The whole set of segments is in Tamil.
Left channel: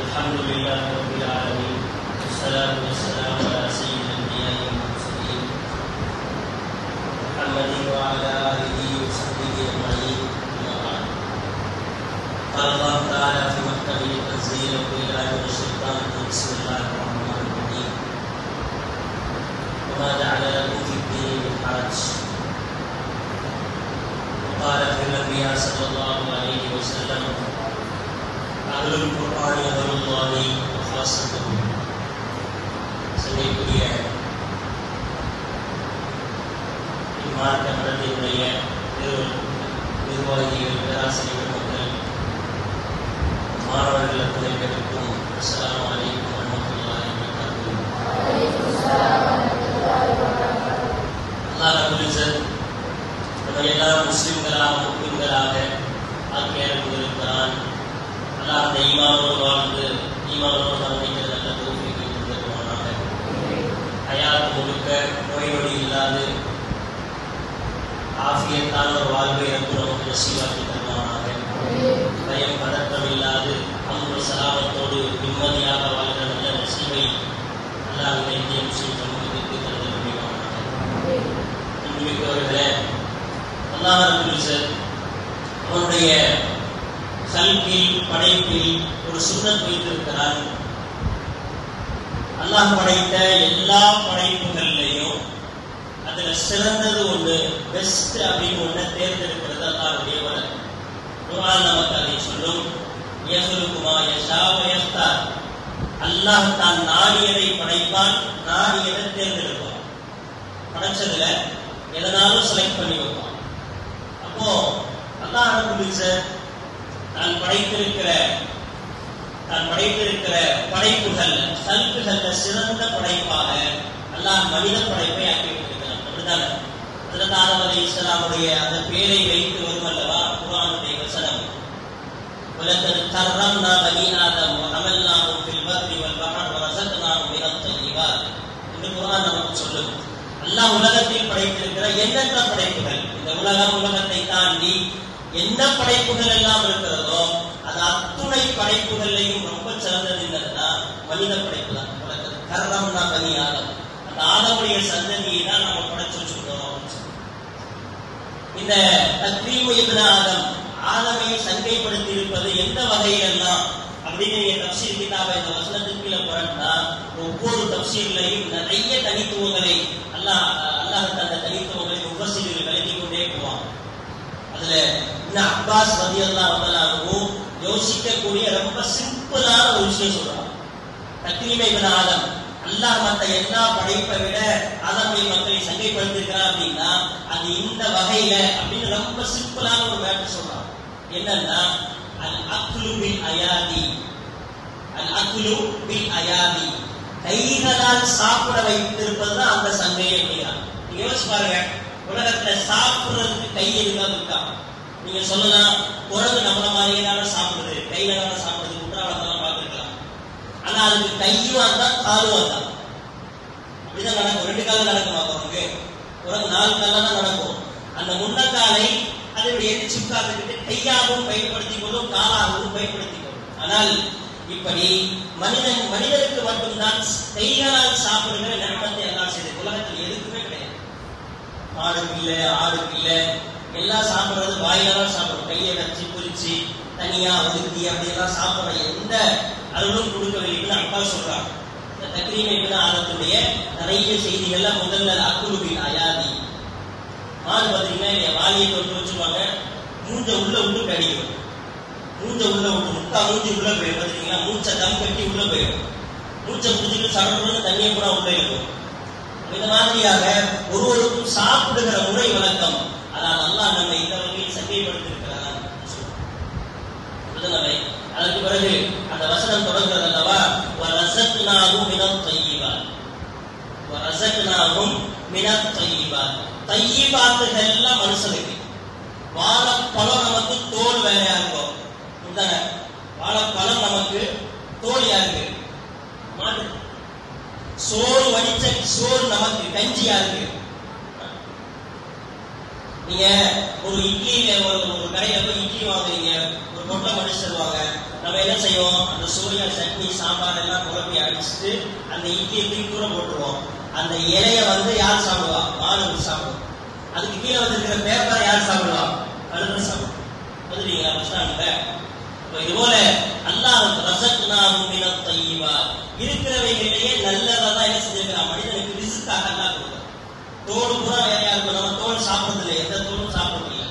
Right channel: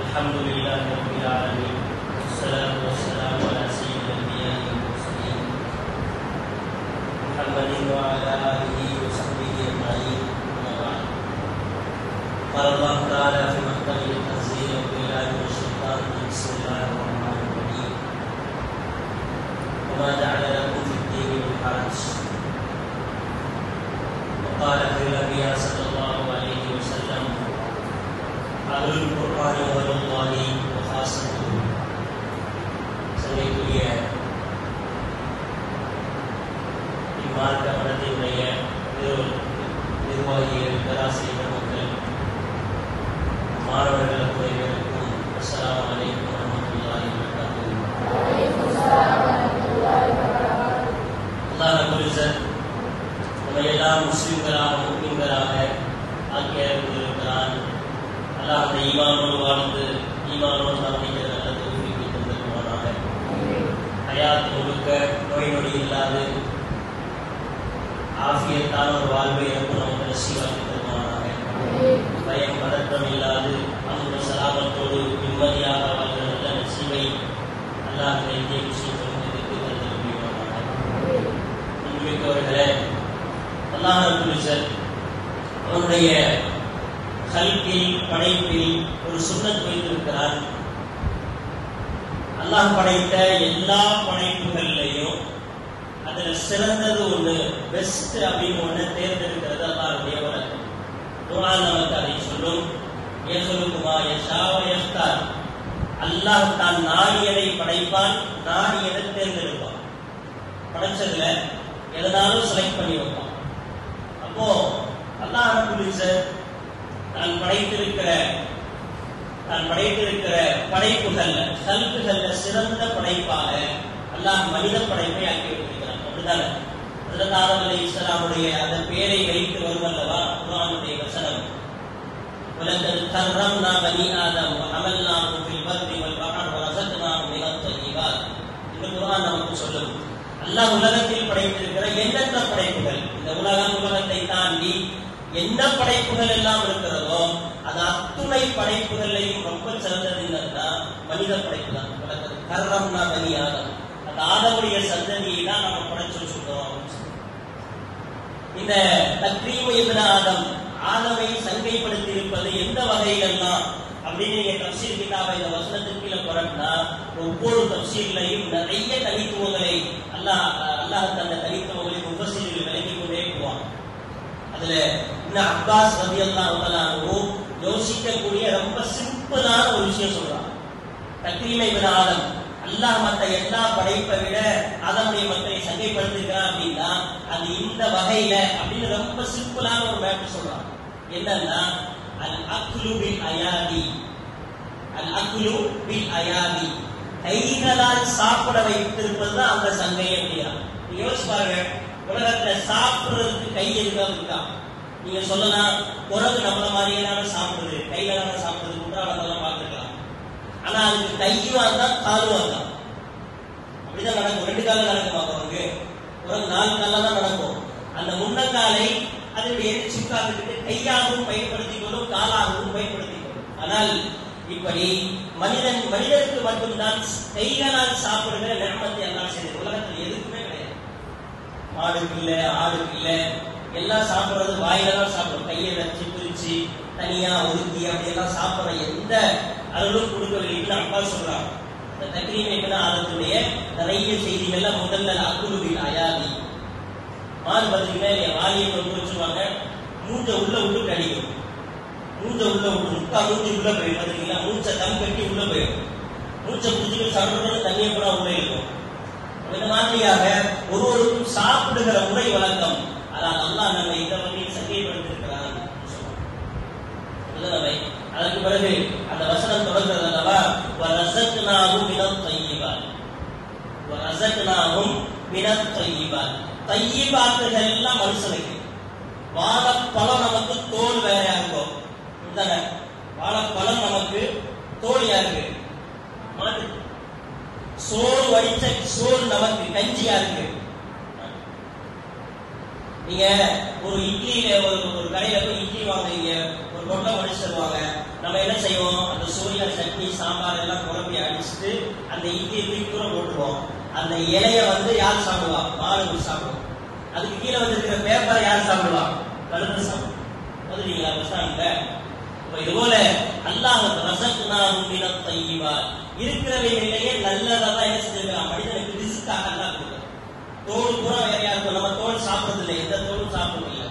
الحمد لله رب العالمين والصلاة والسلام على سيد الأنبياء والمرسلين محمد وعلى آله وصحبه أجمعين. أما بعد، قال الله تعالى في محكمه التنزيل: بالله من الشيطان الرجيم، بسم الله الرحمن الرحيم. وما جعل لكم في الدين من حرج. وقال في النبي صلى الله عليه وسلم: أهل القرآن أهل الله وخاصته. சங்கைக்குரிய இம்மார்க்க படத்தினுடைய நிர்வாகிகள், பேராசிரியர் மக்கள், மாணவர்கள் அத்தனை பேருக்கும் அஸ்ஸலாமு அலைக்கும் வரஹ்மத்துல்லாஹி வபரகாத்துஹு. அல்லாஹ் ரப்பல் இஸ்ஸத் நம்ம எல்லாம் முஸ்லிம்களாக முஸ்லிம்களாக ஆக்கிய இருக்கிறான். அல்லாஹ் அந்த ஈமானோடு வாழ்ந்து ஈமானோடு நம்பிக்கை நல்ல தௌஃபீக்கை தந்திருவானாக. ஹயாத் முழுக்க நோய் நொடி இல்லாது ஆஃபியத்தான ஒரு வாழ்வை இறந்து நமக்கு நசீவாக்கி தருவானாக. பயம் பதற்றம் இல்லாது அன்பு சலாமத்தோடு நிம்மதியாக வாழ்கிற நல்ல நசீவை அல்லாஹ் இந்த இந்திய முஸ்லிம்களுக்கு எதிர்த்து தந்திருவானாக. இன்றுமிக்கவர்களே, அல்லாஹ் ரப்பல் இஸ்ஸத் அவனுடைய கல்கில் படைப்பில் ஒரு சுன்னத் வைத்திருக்கிறான். அல்லாஹ் படைத்த எல்லா படைப்புகள்லையும் அதுல சிறந்தது ஒண்ணு, பெஸ்ட் அப்படின்னு ஒண்ணு தேர்ந்தெடுக்கிறது அல்லாஹ்வுடைய வழக்கம். குர்ஆன் நமக்கு அதை சொல்லும். யஹ்லுகுமா யஷாவ யஹ்தார். அல்லாஹ் தான் நாடியதை படைப்பான், நாடியதை தேர்ந்தெடுப்பான். படைச்சதுல எதனாலும் செலக்ட் பண்ணி வைப்பான். அப்போ அல்லாஹ் ரப்பல் இஸ்ஸத் தான் படைத்திருக்கிற படைப்புகள்ல கல்குகள்ல சிறந்த படைப்பாக அல்லாஹ் மனித படைப்பை ஆக்கி வைத்திருக்கிறான். அப்படித்தானே? ஹஜ்ரத் ஆதம் அலைஹிஸ்ஸலாமுடைய அந்த பேரை வைத்து வருவல்லவா குர்ஆனுடைய வசனம். வலக்கத் கர்ரம்னா பனி ஆதம் வஹமல்னாஹும் ஃபில் பர்ரி வல் பஹர் வரஸக்னாஹும் மினத் தய்யிபாத். இந்த குர்ஆன் நமக்கு சொல்லும். அல்லாஹ் உலகத்தில் படைத்திருக்கிற எண்ணற்ற படைப்புகள், இந்த உலகத்தை தாண்டி என்ன படைப்புகள் எல்லாம் இருக்கிறதோ அது அத்துணை படைப்புகளையும் ரொம்ப சிறந்தது என்னதுன்னா மனித படைப்பு தான். கர்ரம்னா பனி ஆதம், அந்த ஆதமுடைய சந்ததியை தான் நம்ம படைச்சு வச்சிருக்கோம். இந்த தக்ரீம் இப்னு ஆதம், ஆதமை சங்கைப்படுத்தி இருப்பது எந்த வகையிலெல்லாம் அப்படின்னு நீங்க தப்சீர் கிதாப இந்த வசனத்துக்கு கீழே புரண்டா ஒவ்வொரு தப்சீர்லையும் நிறைய தனித்துவங்களை அல்லாஹ் தந்த தனித்துவங்களை முஃபஸ்ஸிர்கள் விளக்கிக் கொண்டே போவாங்க. அதுல இப்னு அப்பாஸ் ரலியல்லாஹு தஆலா அன்ஹு யோசிக்கக்கூடிய ரொம்ப சிம்பிளான ஒரு விஷயம் சொல்றாங்க. தக்ரீம் இப்னு ஆதம், அல்லாஹ் மற்ற எல்லா படைப்பை விட ஆதமுடைய மக்களை சங்கைப்படுத்திருக்கிறான் அப்படின்னா அது இந்த வகையில அப்படின்னு ரொம்ப சிம்பிளான ஒரு மேட்டர் சொல்றாங்க. என்னன்னா அல் அக்லு பில் அயாதி, அல் அக்லு பில் அயாதி, கைகளால் சாப்பிட வைத்திருப்பதுதான் அந்த சங்கை அப்படின்னா. யோசிச்சு பாருங்க, உலகத்துல சாப்பிடுறதுக்கு கை எதுக்காக இருக்கா? நீங்க சொல்லலாம், குரங்கு நம்மள மாதிரியே தானே சாப்பிடுது, கையில தானே சாப்பிடுது, குற்றாலத்தெல்லாம் பார்த்துருக்கலாம். ஆனா அதுக்கு கையும் தான் காலும் தான். அப்படிதான் நடக்கும். 2 காலம் நடக்குமா குரங்கு? குரங்கு 4 காலில் தான் நடக்கும். அந்த முன்னக்காலை அதனுடைய எரிச்சுக்காக கையாகவும் பயன்படுத்திக் கொள்ளும், காலாகவும் பயன்படுத்திக் கொள்ளும். ஆனால் இப்படி மனிதனுக்கு மட்டும்தான் கைகளால் சாப்பிடுகிற நியமத்தை எல்லாம் செய்து உலகத்தில் எதுக்குமே கிடையாது. மாடுக்கு இல்ல, ஆடுக்கு இல்ல, எல்லாம் சாப்பிடுறது வாயில தான் சாப்பிடும். கையை வச்சு குறிச்சு தனியா ஒதுக்கி அப்படியெல்லாம் சாப்பிடுற எந்த அருளும் கொடுக்கவில்லை அப்பா சொல்றாங்க. இந்த தக்ரீம் இப்னு ஆதத்துடைய நிறைய செய்திகள்ல முதல்ல அக்லு பில் அயாதி. மாடு பார்த்தீங்கன்னா வாலியை கொண்டு வச்சுருவாங்க, மூஞ்ச உள்ள விட்டு கடிக்கும், மூஞ்ச உள்ள விட்டு முக்கா மூஞ்சி உள்ள போயிடும். பார்த்தீங்களா? மூச்சை கம் கட்டி உள்ள போயிடும். மூச்சை முடிச்சுட்டு சடன்னு தண்ணியை கூட உள்ள இருக்கும். இந்த மாதிரியாக ஒருவருக்கும் சாப்பிடுகிற முறை வழக்கம். ஆனால் அல்லாஹ் நம்ம இந்த வகையில் சங்கைப்படுத்திருக்கிறார். அதற்கு பிறகு அந்த வசனம் தொடர்கிறது அல்லவா, வரஸக்னாஹும் மினத் தய்யிபாத், வரஸக்னாஹும் மினத் தய்யிபாத். தய்யிபாத்துகள் எல்லாம் மனுஷனுக்கு. வாழைப்பழம் நமக்கு தோல் வேறையா இருக்கும். இந்த வாழைப்பழம் நமக்கு தோல் யாருக்கு? மாட்டு. சோறு வடிச்ச சோறு நமக்கு கஞ்சியா இருக்கு. நீங்க ஒரு இட்லியில ஒரு கடையில போய் இட்லி வாங்குறீங்க, ஒரு பொட்டலம் அடிச்சு தருவாங்க. நம்ம என்ன செய்வோம், அந்த சோயா சட்னி சாம்பார் எல்லாம் குழம்பி அடிச்சுட்டு அந்த இட்லியை தூக்கி தூர போட்டுருவோம். அந்த இலைய யார் சாப்பிடுவா, மாணவர் சாப்பிடுவோம். அதுக்கு கீழே இருக்கிற பேப்பரை யார் சாப்பிடுவா, கழுகு சாப்பிடுவோம். வந்துட்டீங்களா பஸ் ஸ்டாண்ட்ல? இது போல அல்லாஹ் ரஸக்னாஹும் மினத் தய்யிபாத், இருக்கிறவைகளிலேயே நல்லதான் என்ன செஞ்சிருக்கிறான், மனிதனுக்கு ரிஸ்காக அல்லாஹ் கொடுக்கிறான். தோல் கூட வேறையா இருக்கும். நம்ம தோல் சாப்பிடுறது இல்லை, எந்த தோலும் சாப்பிடுறது இல்லை,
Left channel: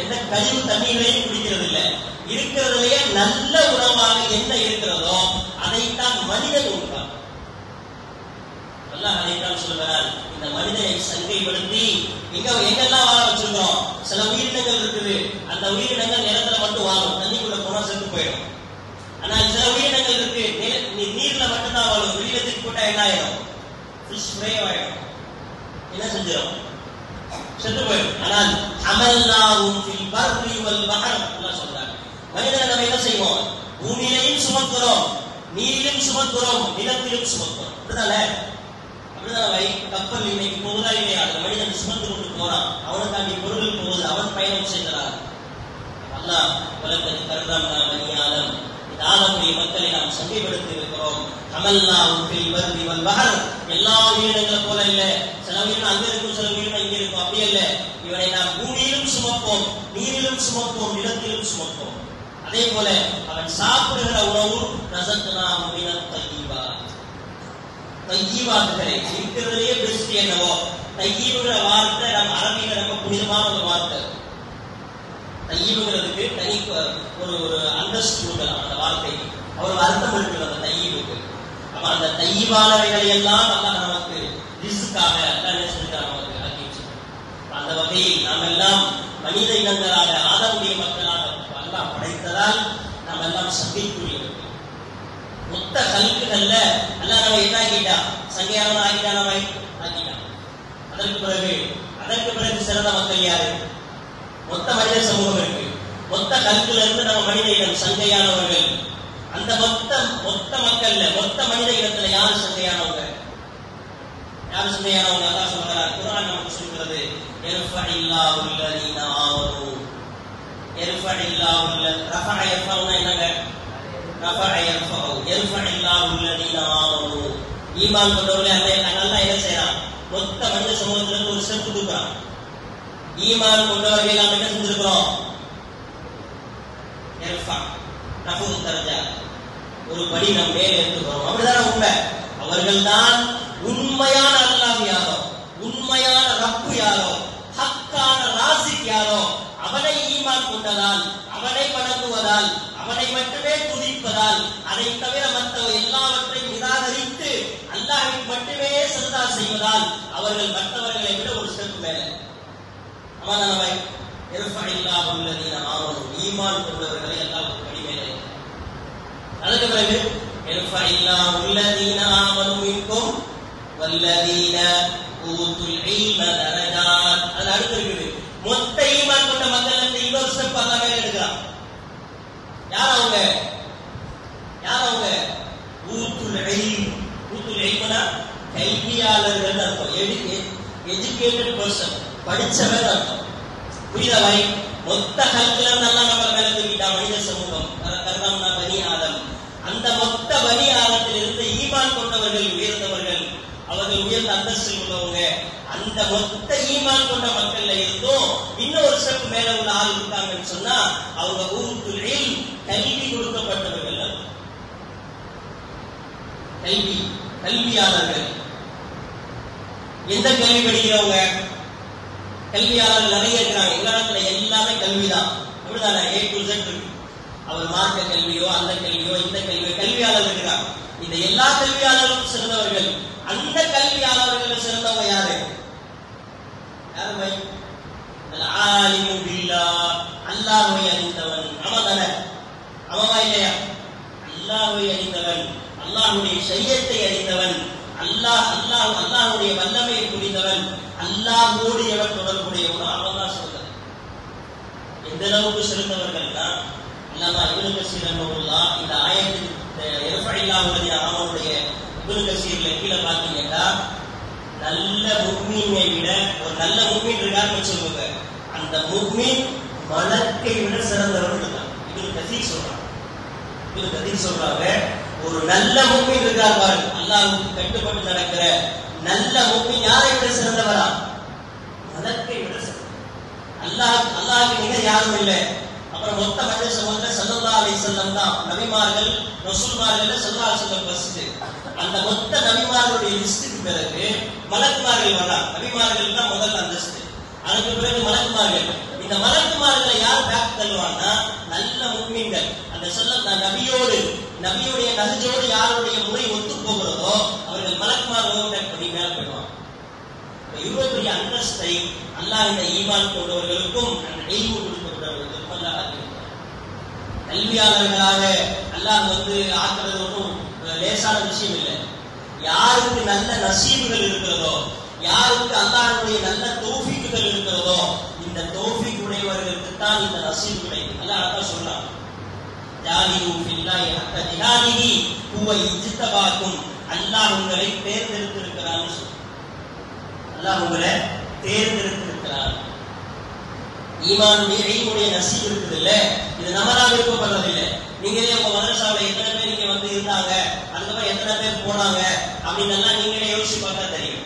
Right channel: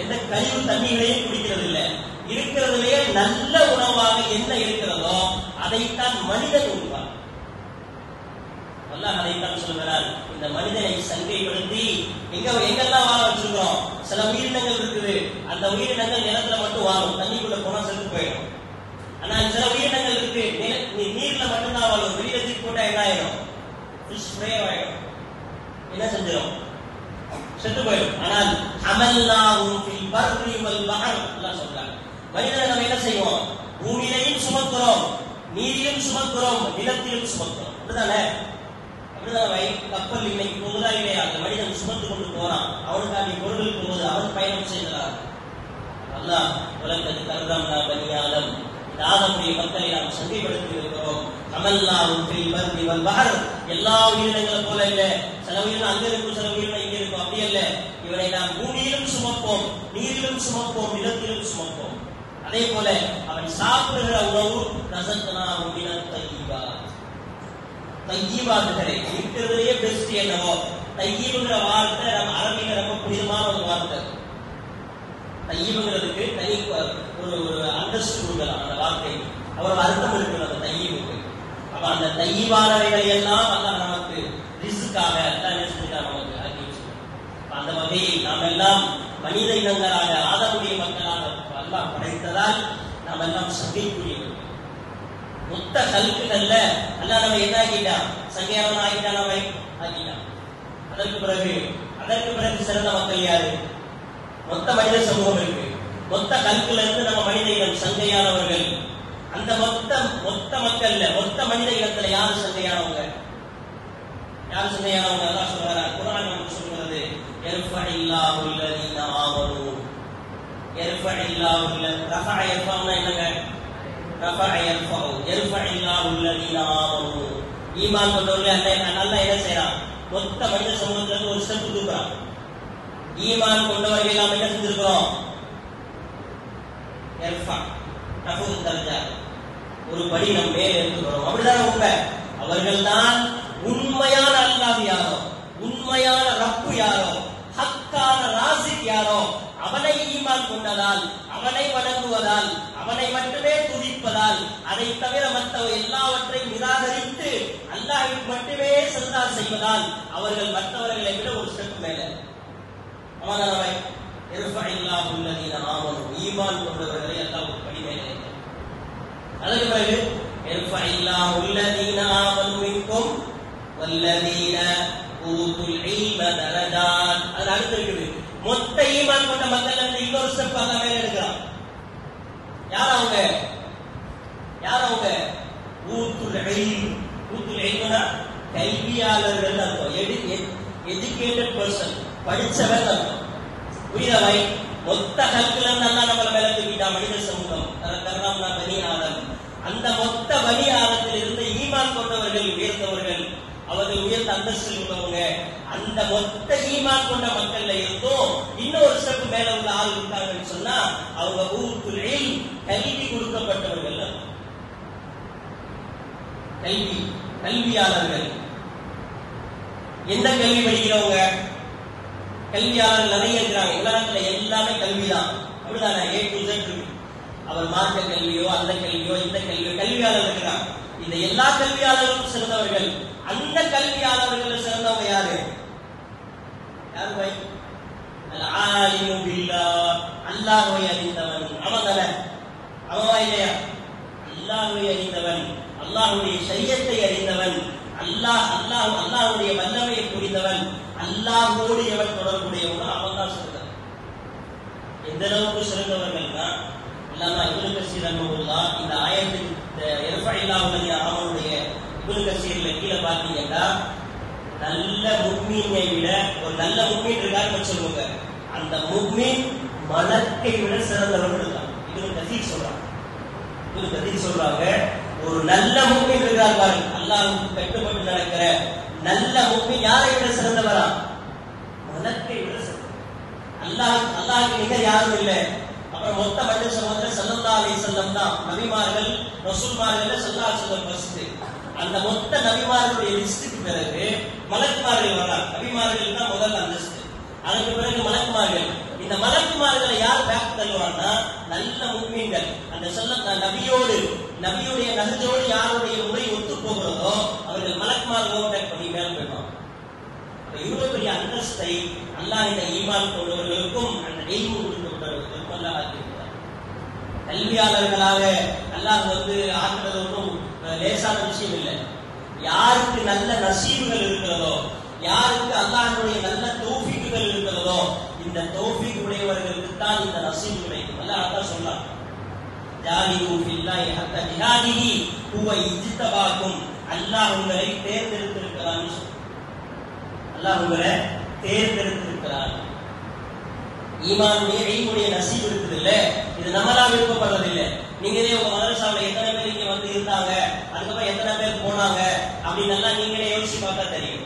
எந்த கழிவு தண்ணீர்களையும் குடிக்கிறது இல்லை. இருக்கிறதுலேயே நல்ல உணவாக என்ன இருக்கிறதோ அதைத்தான் மனிதன் உண்பான். அல்லாஹ் அதைத்தான் சொல்கிறார், இந்த மனிதனை சங்கைப்படுத்தி எங்கெல்லாம் வாழ வச்சிருக்கிறோம். சில உயிரினங்கள் இருக்குது, அந்த உயிரினங்கள் நிலத்துல மட்டும் வாழும், தண்ணிக்குள்ள போனா செத்து போயிடும். ஆனால் சில உயிரினங்கள் இருக்கு, நீர்ல மட்டும்தான் வாழும். வெளியில தூக்கி போட்டா என்ன ஆயிடும், ஃபிஷ் ஃப்ரை ஆயிடும், என்ன செஞ்சிடும், செத்து போயிடும். ஆனால் அமல்னாஹும் ஃபில் பர்ரி வல் பஹர், அல்லாஹ் சொல்றார், மனிதனை நம்ம என்ன செய்வோம், பூமியிலையும் சுமக்கிறோம், நீரிலும் சுமக்கிறோம், நிலத்திலும் சுமக்கிறோம். அப்படிதானே? அப்படிதான் கப்பல் இன்னைக்கு போகுதா இல்லையா, அந்த மனிதன் சுமந்து கொண்டு போறான், அவனுக்காண்டி பொருள் போகுது, அவன் பயணம் செய்கிறான். அல்லாஹ் உலகத்துக்கு கர்ரம்னா பனி ஆதம், இந்த ஆதமுடைய மக்களை நாம் சங்கைப்படுத்தி இருக்கிறோம். அமல்னாஹும் ஃபில் பர்ரி வல் பஹர், எல்லா உயிரினங்களை போல இல்ல, சில உயிரினம் அங்க இருக்கும், சில உயிரினம் இங்க இருக்கும், அப்படி அல்ல. இவனை நாம் பூமியிலும் சுமப்போம், நீரிலும் சுமப்போம், நிலத்திலும் சுமப்போம். அதே போல அவன் சாப்பிடுகிற உணவு ரஸக்னாஹும் மினத் தய்யிபாத், தையீபாத்துகளே இருக்கிறதுலேயே பெஸ்ட் என்னவோ. தையீபுங்கிற வார்த்தை நம்ம அரபியில ரொம்ப புனிதமான ஒரு வார்த்தை. தையீபுங்கிறதுக்கு தனி ஒரு அந்தஸ்து கொடுக்கலாம் அந்த வார்த்தைக்கு, அவ்வளவு அர்த்தம் இருக்கிறது அந்த தையீபுக்கு. அப்ப அந்த தையீபானவைகளை எல்லாம் அல்லாஹ் நமக்கு ரிஸ்காக நமக்கு ஆக்கி வச்சிருக்கோம். அந்த வகையில் நாம் எல்லாம் மனித இனங்களாக ஆதமுடைய மக்களாக அல்லாஹ் படைத்ததால் நாம் எல்லாம் சங்கைக்குரியவர்கள். மொத்த கல்குகள்ல அல்லாஹ் நம்ம என்ன ஆக்கிட்டா, சங்கையானவன் ஆக்கிட்டா, நம்ம ஆக்கிட்டான். அதற்கு பிறகு சிறந்த மக்கள் யாரு, மொத்த மனித சமூகம் இருக்கு. மொத்த கல்குல இருந்து நம்ம மனித இனம் சங்கையானவர்கள். அந்த மொத்த மக்கள்ல மொத்த மனித இனத்துல யாரு சங்கையானவங்க, யாரு சங்கையானவங்க? அல்லாஹ் சொல்றார், குர்ஆன் நமக்கு சொல்கிறது, யர்ஃபஇல்லாஹு அல்லதீன ஆமனூ, யர்ஃபஇல்லாஹு ரஃபஅ யர்ஃபவுனா என்னங்க, ஈமான் கொண்டவர்களே அல்லாஹ் என்ன செய்யறான், மொத்த மனித சமூகத்துல இருந்து ஒரு ஸ்டெப் கொடுக்குறான். ஈமான் கொண்டவர்கள் எல்லாம் என்ன செஞ்சிருக்கிறோம், ஒரு படி நம் மேல இருக்கிறோம். அப்படிதான் உண்மை. அவர்கள் தான் உண்மையான அல்லாஹ் யாரோ, உண்மையான ரப்பு யாரோ, ஹக்கான ராசிக் யாரோ, அவனை ஈமான் கொண்டதால், அவனை வணங்குவதால், அவனை மட்டுமே துதிப்பதால், அதை தவிர மற்ற எல்லாவற்றையும் நிராகரித்து அல்லாஹ்வுக்கு மட்டுமே சஜதா செய்வதால் அவர்கள் மற்றவர்களை விட ஒரு ஸ்டெப் மேல. அமானவை யர்ஃபஇல்லாஹு அல்லதீன ஆமனூ, ஈமான் கொண்டவர்களை அல்லாஹ் ஒரு படி மேலே. அதுக்கு பிறகு யர்ஃபஇல்லாஹு அல்லதீன ஆமனூ மின்கும் வல்லதீன ஊதுல் இல்ம தரஜாத். அது அடுத்து இருக்குது, மொத்த ஈமான் கொண்ட மக்கள் இருந்து இன்னொரு ஸ்டெப் அல்லாஹ் மேல எடுக்கிறான். யார் அவங்க, யார் அவங்க? ஊதுல் இல்ம். ஊதுல் இல்ம்னா கல்வியாளர்கள் அர்த்தம், எஜுகேட்டட் பர்சன், படிச்சவன் அர்த்தம். புரிதவை? மொத்த கல்குல இருந்து அல்லாஹ் நம்மள மேல தூக்கிட்டா மனித சமூகம், கர்ரம்னா பனி ஆதம். அந்த மொத்த பனி ஆதத்தில் இருந்து ஈமான் கொண்டவர்கள் உயர்ந்தவர்கள், அவர்கள் உயர்ந்த அந்தஸ்தில் உள்ளவங்க. அந்த மொத்த ஈமான் கொண்ட மக்கள்ல இருந்தும் இன்னொரு ஸ்டெப் மேல உள்ள ஆள் இருக்காங்கன்னு சொன்னா அவங்க ஊதுல் இல்ம், கல்வி கொடுக்கப்பட்டவர்கள், கல்வியாளர்கள். எந்த கல்வி படிக்கிறவங்க? கல்வியாளர்கள் நிறைய இருக்கிறாங்க. எங்க நாட்டுல எல்லாமே கல்விதான், அப்படிதானே? A to Z இருக்கு. அவர் மார்க்க கல்வியோ, அந்த கல்வியோ, இந்த கல்வியோ, கல்வியாளர்கள் இருக்காங்க. இந்த எல்லா கல்வியாளர்களும் சிறந்தவர்கள். அந்த கல்வியாளர்கள் சிறந்தவங்க யாரு? யாரு பை? அல்-ஆலிமு பில்லாஹ், அல்லாஹ்வை அறிந்தவன். அவன் தானே? அவவா இல்லையா? அல்லாஹ்வை அறிந்தவன், அல்லாஹ்வுடைய ஷரியத்தை அறிந்தவன், அல்லாஹ்வுடைய வல்லமையை புரிந்தவன், அல்லாஹ்வோடு எவர் தொடர்புடையவனோ அவன் தான் சிறந்தவன். எந்த அளவுக்கு சிறந்தவர்கள் தான் அல்லாமா இப்னு கஸீர் ரஹ்மத்துல்லாஹ் இந்த ஆயத்தின் யர்ஃபஇல்லாஹு அல்லதீன ஆமனுடைய இப்னு கஸீர்ல கீழே பார்த்தீங்கன்னா, நல்ல முஃமினை விட ஒரு நல்ல முஃமின் இருக்காருன்னு சொல்லுவாங்க, அந்த முஃமின் மலக்கை விட சிறந்தவர்கள் இருக்காங்க. இப்னு கதீர் சொல்றாங்க, ஒரு நல்ல முஃமின் இருக்கிறார் பாருங்க, அல்லாஹ்வுக்கு கட்டுப்பட்டு நடக்கிற நல்ல முஃமின் யாரை விட சிறந்தவரா? மலக்கை விட சிறந்தவர். அல்லாஹ்வுக்கு நிகர் யாரும் இல்லை. அப்புறம் மொத்த மனித சமூகத்துல ஸல்லல்லாஹு அலைஹி வஸல்லம் தான் நபிமார்கள் ரசூல்மார்கள் ஸல்லல்லாஹு அலைஹி வஸல்லம் ஃபர்ஸ்ட். அந்த மொத்த நபிமார்களுடைய லிஸ்டுக்கு பிறகு மலக்குமார்கள் வந்தாங்க. நபிமார்கள் தான் முதல் அந்தஸ்து, அதுக்கு பிறகு மலக்குமார்கள். இந்த மலக்குமார்களை யார் பேக் தள்ளுவாங்கன்னா நல்ல முஃமின்கள். அந்த நபியுடைய நஹ்ஜோடு யாருடைய முறை ஒத்து போகிறதோ அவர்கள் மலக்குமார்கள் ஓவர்டேக் பண்ணி மேல போயிடுவாங்க. இவ்வளவு பெரிய அந்தஸ்தை அல்லாஹ் இந்த ஈமான் கொண்டவர்களுக்கும் அந்த இல்மு கொடுக்கப்பட்டவர்களுக்கும் அல்லாஹ் ஆக்கியிருக்கிறார். கல்வியாளர்களாக அல்லாஹ் ஆக்குறது ஒன்றும் லேசான விஷயம் இல்லை. யாருக்கு நல்ல நசீபுகள் இருக்கிறதோ, யாருக்கு அல்லாஹ்வுடைய நல்ல தௌஃபீக்குகள் இருக்கிறதோ, இந்த தௌஃபீக் உடையவர்களுக்கு தான் இந்த நசீபு கிடைக்கும். அல்லாஹ் அதான் சொல்றான், ஜாஹிது பில்லாஹி ஹக்க ஜிஹாதிஹி ஹுவ இஜ்தபாக்கும். அல்லாஹ் உங்களை தேர்ந்தெடுத்திருக்கிறான். அல்லாஹ் உங்களை தேர்ந்தெடுத்திருக்கிறார். ஈமானுடைய இல்முடைய நசீப் இருக்குது இல்ல, இது நம்மளா விருப்பப்படுறது இல்லை. நீங்களே உங்க மதரசாவுல எத்தனை பேர் இங்க இருந்தாங்க, அதுக்கப்புறம் எத்தனை பேர் போனாங்க அப்படின்னு எல்லாம் நீங்களே யோசிச்சு பார்த்தா தெரியும்.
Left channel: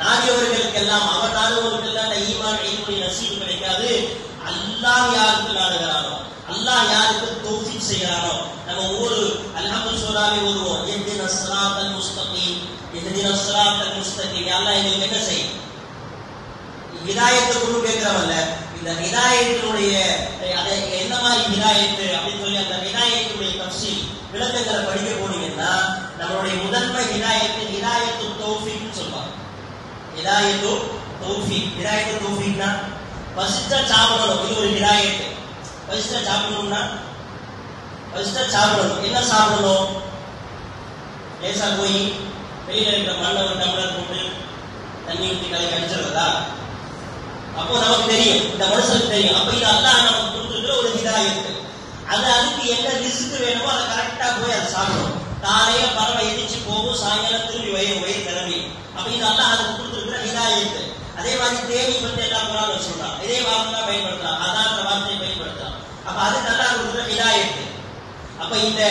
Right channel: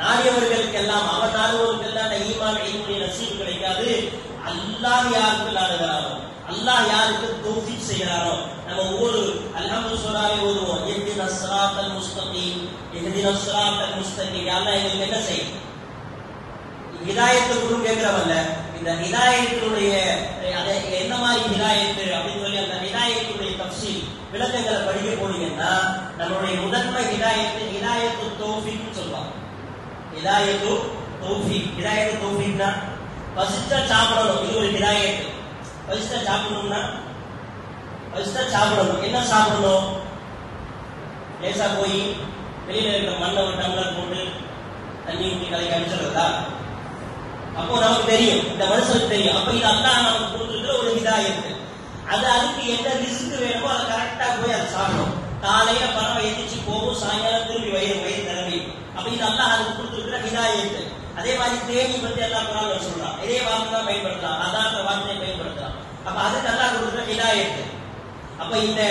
நாடியவர்களுக்கெல்லாம் அவர் நாடுவவர்களுக்கெல்லாம் அந்த ஈமான் இல்முடைய நசீப் கிடைக்காது. அல்லாஹ் யாருக்கு நாடுகிறானோ, அல்லாஹ் யாருக்கு தௌஃபீக் செய்கிறானோ, நம்ம ஒவ்வொரு அல்ஹம்து சூராவை ஓதுவோம், இஹ்தினஸ் ஸிராத்தல் முஸ்தகீம், இஹ்தினஸ் ஸிராத்தல் முஸ்தகீம். அல்லாஹ் எங்களுக்கு என்ன செய்யும்? ஹிதாயத்தை கூட கேட்கிறவல்ல, இந்த ஹிதாயத்தினுடைய அதை என்ன மாதிரி ஹிதாயத்து அப்படின்னு சொல்லி அந்த ஹிதாயத்தினுடைய தஃசீல் விளக்கங்களை படிக்க போனீங்கன்னா நம்மளுடைய முதன்மை ஹிதாயத்து தௌஃபீக்னு சொல்லுவாங்க. ஹிதாயத்து தௌஃபீக்னா பசிச்சா சாப்பிடணும், இது ஒரு ஹிதாயத்து. பசிச்சா சாப்பிடணும்னா சாப்பிடணும். என்ன சாப்பிடணும்? லேசா போய் வெளியில இருக்கிற மண்ணை ஒரு டம்ளர் போட்டு தண்ணி ஊற்றி கலக்கி அடிச்சிடுறதா? அப்போ நமக்கு தெரியும், இந்த மனுஷனுக்கு தெரியும். அப்ப இது அல்லாஹ் நமக்கு கொடுத்துருக்கிற ஒரு ஹிதாயத்து. அதுக்கு என்ன ரிஸ்க் வேணுமோ அதை கரெக்டா போய் அதை சாப்பிடணும். காலையில பறவை எதிர்த்து போகும், சாயங்காலம் திரும்பி வயிறு திறமை. அப்ப இது அல்லாஹ் அதுக்கு கொடுத்துருக்கிற ஹிதாயத்து. அதே மாதிரி தேனி பத்தி எல்லாம் குரான்ல சொல்றான், இதே வார்த்தை பயன்படுத்தலாம், அதான் வார்த்தையை பயன்படுத்தலாம். அப்ப அதுக்கு அல்லாஹ் கொடுக்குற ஹிதாயத்து. அப்ப இந்த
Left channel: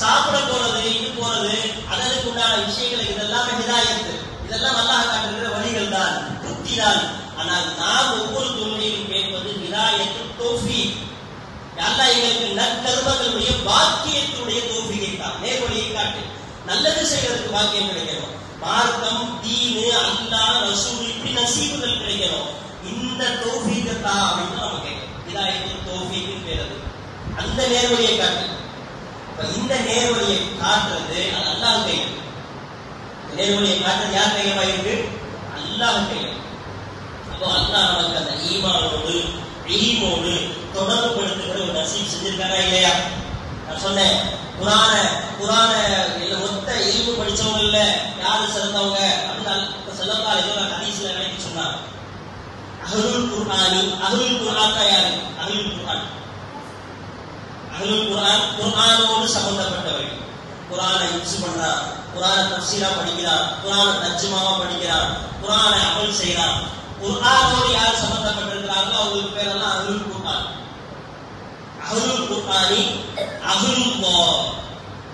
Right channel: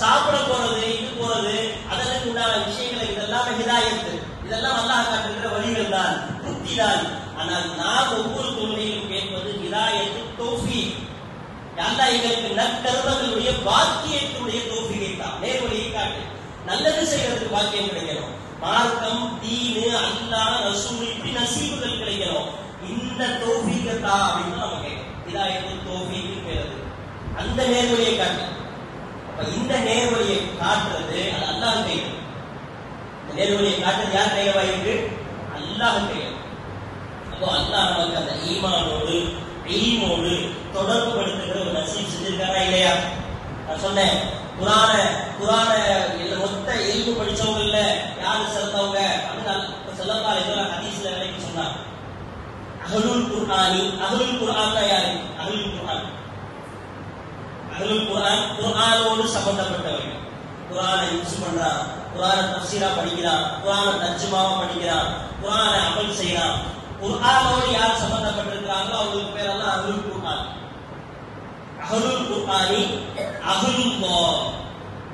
சாப்பிட போறது, இது போறது, அதற்கு உண்டான விஷயங்களை இதெல்லாம் ஹிதாயத்து. இதெல்லாம் அல்லாஹ் காட்டுகிற வழிகள் தான், புத்தி தான். ஆனால் நாம் ஒவ்வொரு தொழிலையும் கேட்பது ஹிதாயத்து தௌஃபீக். அல்லாஹ் எங்களுக்கு நற்கர்மங்களுடைய பாக்கியத்தினுடைய தௌஃபீகை தான், நேர்வழியை காட்டு. நல்லது செய்யறதுக்கு பாக்கியம் கிடைக்கணும். மார்க்கம், தீனு, அல்லாஹ், ரசூல், இப்படி நசீபுகள் கிடைக்கணும். இந்த தௌஃபீகை தான் அப்படின்னு நம்ம கேட்கணும். ஹிதாயத்து தௌஃபீக்னு பேரது. அந்த நேர்வழியை காட்டு. அப்ப இந்த நேர்வழியை காட்டுறது அது அல்லாஹ் கையில். இந்த நேர்வழியை காட்டுறது யார் கையில இருக்கு? அல்லாஹ் கையில். அப்போ அல்லாஹ் நமக்கு அந்த ஈமானோடு இல்மோடு தொடர்பு படுத்துகிற ஒரு நசீப் செஞ்சிருக்காரா இல்லையா? நான் சொன்னேன், குரான மொத்த இல்மு படிச்சவங்கல்ல யாரு சிறந்தவங்க அப்படின்னு ஸல்லல்லாஹு அலைஹி வஸல்லம் ஹதீஸ்ல விளக்கி சொன்னாங்க. அஹ்லுல் குர்ஆன் தான் யாரு? அஹ்லுல் குர்ஆன் குர்ஆனோடு சம்பந்தப்பட்டவர்கள். குர்ஆனை யூஸ் பண்றான், குர்ஆனை தஃசீரா படிக்கிறான், குர்ஆனை தர்ஜுமாவா படிக்கிறான், குர்ஆனை அமல் செய்யறான். குர்ஆனோடு யார் சம்பந்தப்பட்டிருக்கிறாங்களோ அவங்களுக்கு பேரெல்லாம் அஹ்லுல் குர்ஆன். அஹ்லுல் குர்ஆனி அஹ்லுல்லாஹ்.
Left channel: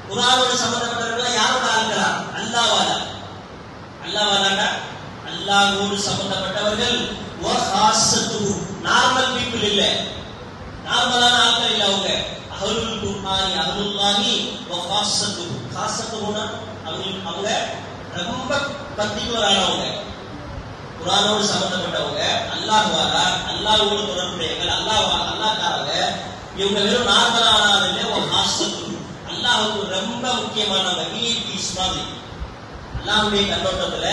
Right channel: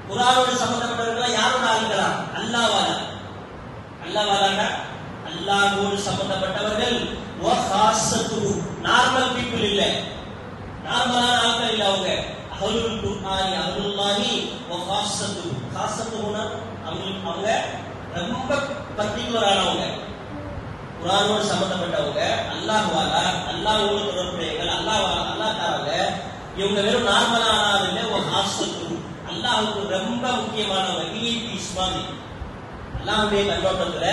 குர்ஆனோடு சம்பந்தப்பட்டிருக்கிறா யாரோட ஆளுங்களா? அல்லாஹ்வாலா அல்லாஹ்வோடு சம்பந்தப்பட்டவர்கள். வ ஹாஸத்துஹு, நார்மல் பீப்பிள் இல்ல, நார்மலான ஆட்கள் இல்ல அவங்க. அஹ்லுல் குர்ஆனி அஹ்லுல்லாஹி வ ஹாஸத்துஹு. ஹாஸத்துஹுனா அவங்க ரொம்ப பர்டிகுலரானவங்க, குர்ஆனோடு சம்பந்தப்பட்டவங்க, அல்லாஹ்வாலா, அல்லாஹ்வோடு தொடர்புடையவர்கள், அல்லாஹ்காரங்க. இவங்க வெறும் நார்மலான ஆள் இல்ல. வ ஹாஸத்துஹு, அல்லாஹ்வுக்கு ரொம்ப முக்கியமானவங்க, விஐபிஸ் மாதிரி. அல்லாஹ்வுடைய கண்ணோட்டத்துல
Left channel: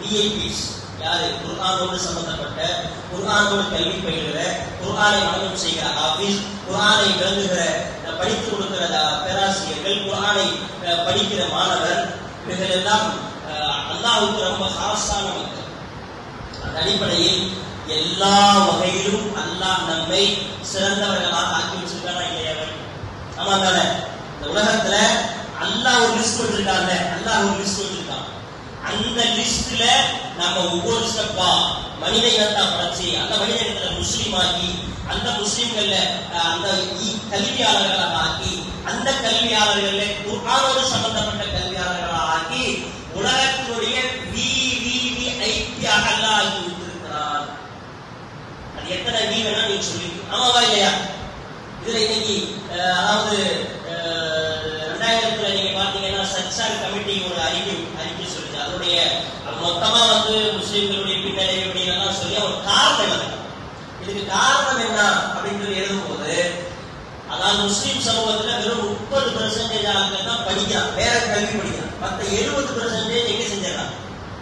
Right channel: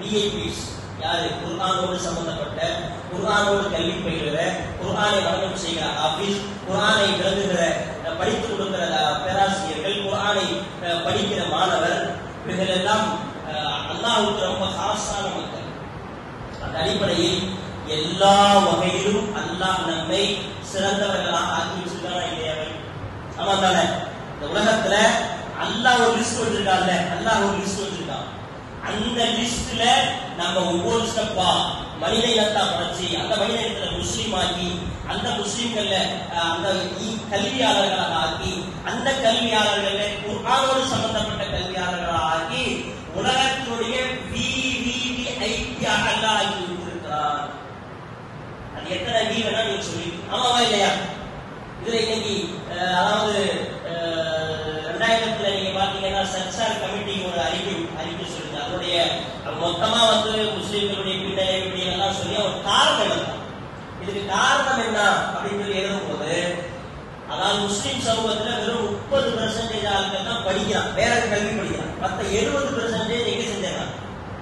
விஐபிஸ் யாரு? குர்ஆனோடு சம்பந்தப்பட்ட, குர்ஆனோடு கல்வி பயிலுகிற, குர்ஆனை மனனம் செய்கிற ஆபீஸ், குர்ஆனை விளங்குகிற படித்துக் கொடுக்கிற பேராசிரியர்கள், குர்ஆனை படிக்கிற மாணவர், இவர்கள் எல்லாம் அல்லாஹ்வுக்கு ரொம்ப ஹாஸான மக்கள். அந்த அடிப்படையில் எல்லா வகையிலும் அல்லாஹ் நம்மை சிறந்தவர்களாக ஆக்கி வச்சிருக்காரா இல்லையா? ஆமா தானே? இந்த உலகத்துல அல்லாஹ் ஒரு லிஸ்ட் வச்சிருக்காங்க. அந்த லிஸ்ட்ல நம்ம ஒவ்வொரு ஸ்டெப்பா மனித இனத்தா படைச்சு அந்த மனித இனத்துல முஸ்லீம் ஆக்கி அந்த முஸ்லீம்கள்ல அந்த கல்வியாளர்களாக ஆக்கி அந்த கல்வியாளர்கள குர்ஆனோடு சம்பந்தப்பட்ட கல்வியாளர்களாக ஆக்கி உலகத்தினுடைய ஐக்கியாக அல்லாஹ் ஆக்கி விட்டிருக்கிறான். அது எத்தனை வீரனா நீ சொல்லி ஆமாவா இல்லையா? இதுல இன்னைக்கு அதாவது 2000 நீங்க பாத்தீங்கன்னா சச்சார் கமிட்டி ஒரு அறிக்கை சொல்லுது. அதனுடைய மொத்தமா முஸ்லிம்களுடைய பின்னடைவுடைய எல்லாம் சொல்லி ஒரு காரணம் இல்லை. இதுக்கு காரணம் என்ன அப்படின்னு சொல்லி எழுதும்போது, அதாவது முஸ்லிம் சமூகத்துல வெறும் 30% ஆட்கள் தான் படிக்கிறான், வேற கல்வி படிக்கிறான். மற்ற 70% எங்க செஞ்சிடறான்,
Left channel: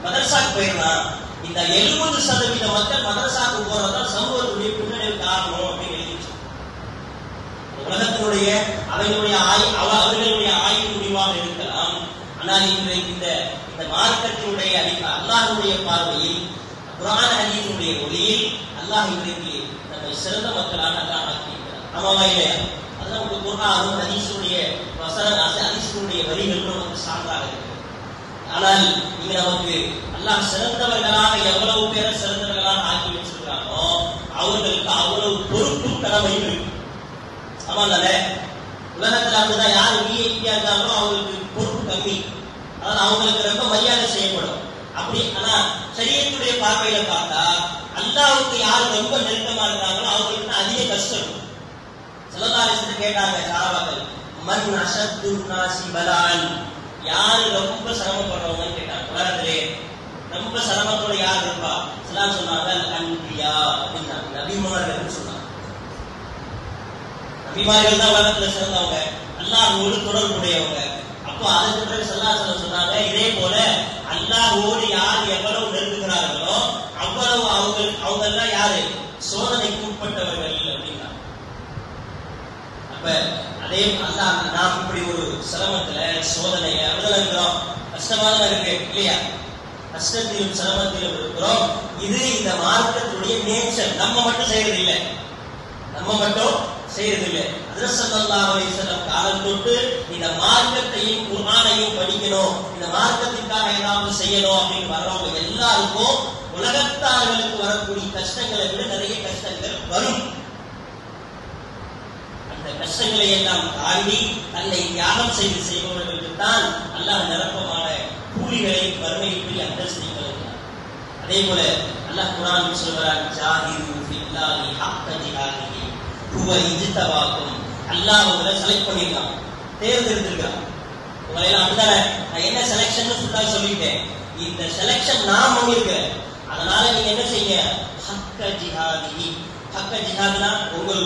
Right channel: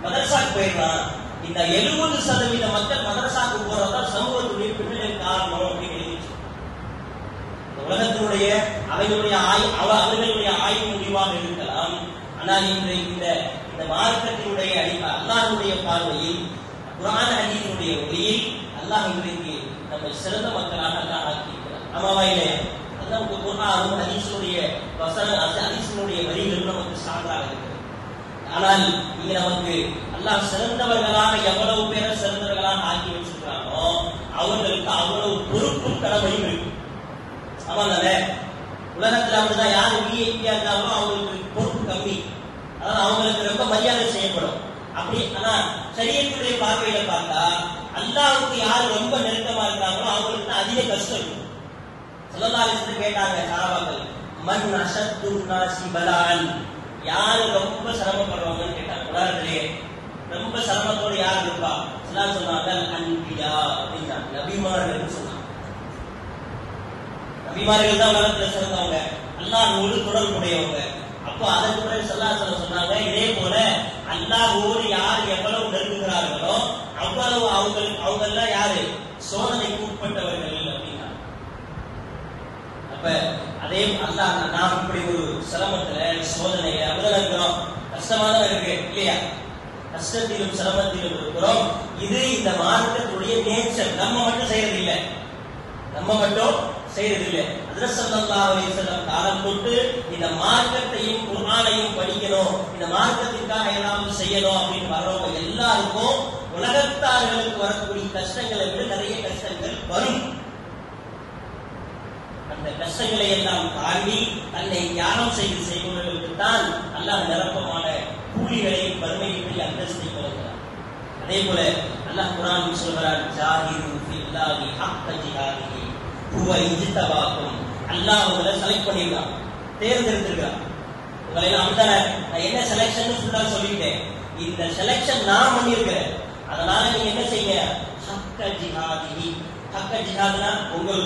மதரசாக்கு போயிடறான். இந்த 70% மக்கள் மதரசாக்கு போறதுதான் சமூகத்துடைய பின்னடைவு காரணம் அப்படின்னு எழுதி உலகத்தினுடைய அவர்களுடைய ஆய்வு முடிவாக இருக்கலாம். ஆனால் இந்த மார்க்கத்தினுடைய அல்லாஹ்வுடைய பார்வையில் குர்ஆன் ஹதீஸுடைய ஒளியில் அல்லாஹ் இன்றைக்கு நம்மை சிறந்த மக்களாக அல்லாஹ் ஆக்கியிருக்கிறார். ஆமாவா இல்லையா? அதுதான் உங்க குர்ஆனும் ஹதீஸுடைய ஹதீஸுடைய வரிகள் நமக்கு சான்றாக இருக்கிறது. ஆனால் இங்க நமக்கு அல்லாஹ் சிறந்தவர்களாக எவ்வளவு பேரை சிறந்தவர்களாக ஆக்கி வச்சிருக்கிறானோ அவர்களுக்கு அவ்வளவு பொறுப்பும் கடமையும் இருக்கு. ஆமா தானே? உலகத்துல அப்படிதான் யாரு விஐபியா இருக்காங்களோ அவங்களுக்கு பொறுப்பு கம்மி, அதாவது அவங்களுக்கு ரொம்ப மரியாதை செய்யப்படும். அப்படி ஆனா ஷரியத்துடைய பார்வையில பார்த்தா அல்லாஹ்வுக்கு யார் ரொம்ப நெருக்கமா இருக்காங்களோ அவங்களுக்கு அதிக கஷ்டம் இருக்கும். ஸல்லல்லாஹு அலைஹி வஸல்லம் கேட்டாங்க சஹாபாக்கள், மன் அஷத்து நாஸி பலான், யாரு ரொம்ப சிரமப்படுறவங்கன்னு கேட்டாங்க. உலகத்திலே ரொம்ப சிரமத்தோட யார் இருப்பா? எல்லாம் சொன்னாங்க அன்பியா அப்படின்னாங்க, நபிமார்கள் சொன்னாங்க. நபிமார்கள் தான் உலகத்துல சிறந்தவங்க, அல்லாஹ்வோடு தொடர்புடையவங்க. அப்போ அதற்கு பிறகு ஸல்லல்லாஹு அலைஹி வஸல்லம் சொன்னாங்க, இதே போல அல்லாஹ்வோடு யார் எவ்வளவு நெருங்குகிறார்களோ அவ்வளவு அவங்கெல்லாம் யாரு சோதனைக்கு உட்பட்டவர்கள் அப்படின்னா. அப்ப அதே அல்லாஹ் நாம் இப்படி ஒரு சிரமத்துல சோதனையில அப்படிதான் இருக்கிறோம், கஷ்டமா தான் இருக்கு இல்லையா? கஷ்டத்திலும் சிரமத்திலும் இருக்கிறோம். இது இந்த மார்க்கத்துடைய நேச்சர். நம்ம மட்டும் செய்யறது இல்லை, செய்யறதில்லை. ஹஜ்ரத் ஸல்லல்லாஹு அலைஹி வஸல்லம் காலம் தொட்டு இந்த மார்க்கத்தையும் குர்ஆனையும் படிக்கணும், இந்த மார்க்கத்திற்காக ஏதாவது செய்யணும் அப்படின்னு வர்றவங்க எல்லாருக்கும் உலகத்தார்களுக்கு வரக்கூடிய கஷ்டங்களை விட நிறைய கஷ்டங்கள் வரும். அந்த கஷ்டங்களை எல்லாம் தாண்டி தன்னை தியாகம் செய்பவர்களுக்கு தான் அல்லாஹ் நிரப்பமான கூலிகளை வறுமையை அந்தஸ்தை வழங்குகிறார். அதே போல அல்லாஹ் குர்ஆனில் சொல்கிறார், ஜாஹிது ஃபில்லாஹி ஹக்க ஜிஹாதிஹி அல்லாஹ் உங்களை செலக்ட் பண்ணிருக்கான், தேர்ந்தெடுத்திருக்கான். உங்களை எல்லாம் அப்படித்தானே நான் என்ன செலக்ஷன் ஃபுல்லா சொல்லிட்டேன். இந்த செலக்ஷன் நான் பண்ணிருக்கிறேன். அதனால நீங்க என்ன செய்ய, ஹக்க ஜிஹாதி. ஹக்க ஜிஹாதுனா உங்கள்